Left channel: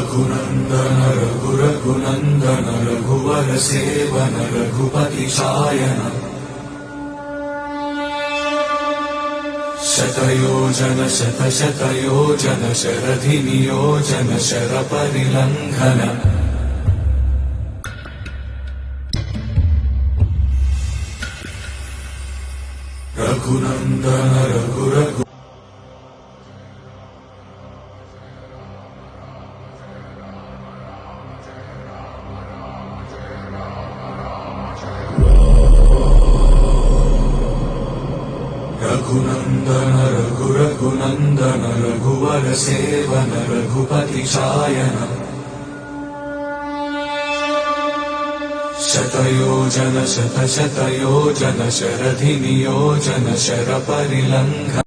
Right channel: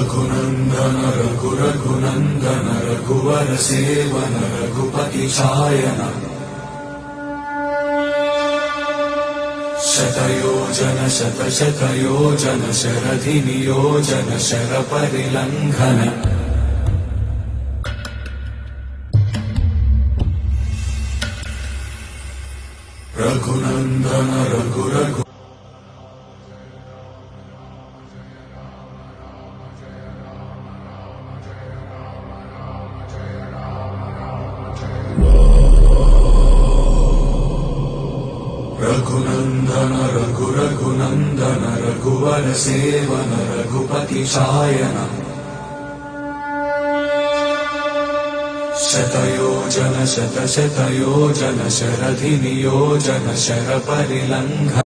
रघुनंदन रघुरघुनंदन रघुवर seven Raghupati Shayan शतयोजन शतशतयोजन शरधि नियोजन sir परिलंघन Raghunandan रघुरघु Raghunandan रघुरघुनंदन रघुवर seven Raghupati Shayan शतयोजन शतशतयोजन शरधि नियोजन sir परिलंघन